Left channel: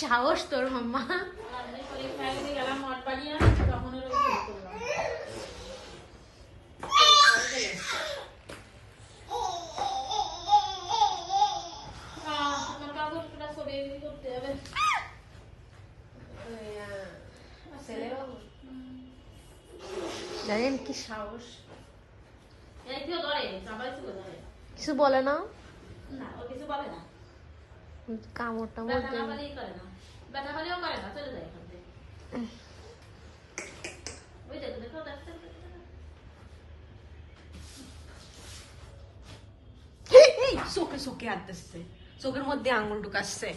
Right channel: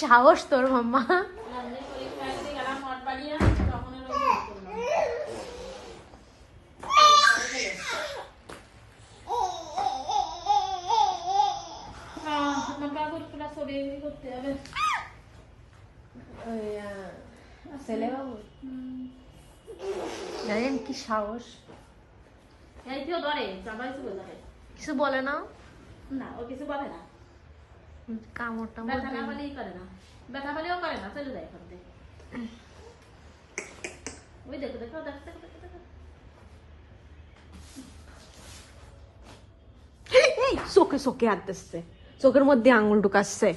সাহস তোর মাম্মা। জানেন কি সাহস, কিছু বলে না, কামড় টামড় চোখে চোখে হাঁটতেছে, চোখের মধ্যে আঙুল ঢুকাচ্ছে।